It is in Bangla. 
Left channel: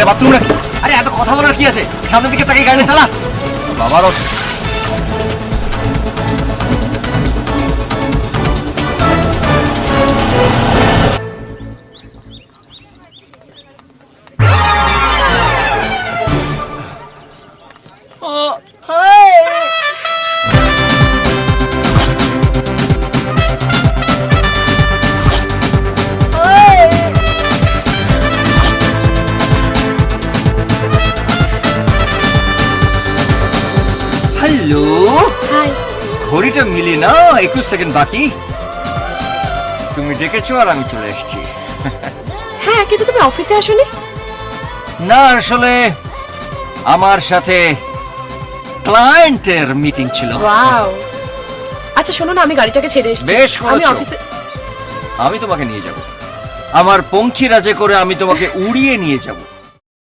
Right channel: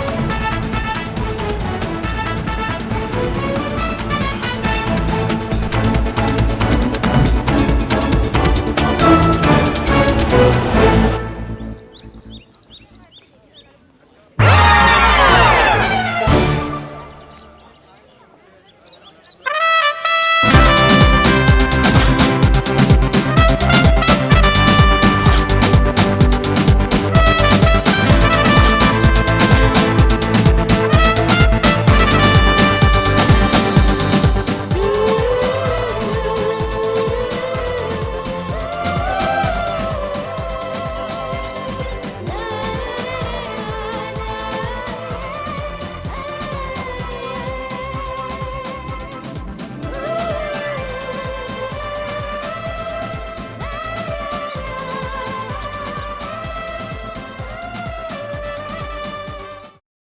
এটা বাথরুম নাকি? আরে এত কথা বলার কি আছে, সামনের দিকে তাকিয়ে গাড়ি চালা। বাবারও ঘড়িটা মিলে না, 21 সেকেন্ড বাকি। তুমি ডেকেছো আর আমি চলে এসেছি। হ্যাঁ, কিন্তু তুমি অফিসে আসোনি। না, আসলে আমার সাথে ক্লায়েন্টের মিটিং ছিল। ওয়াও। আচ্ছা শোনো না, আমি গাড়িটাকে ছেড়ে এসেছি। বেশ করেছো। আমি অফিসে। আমি তোমাকে নিয়ে যাব, আমার পঙ্খী রাজে করে আমি তোমাকে উড়িয়ে নিয়ে যাব।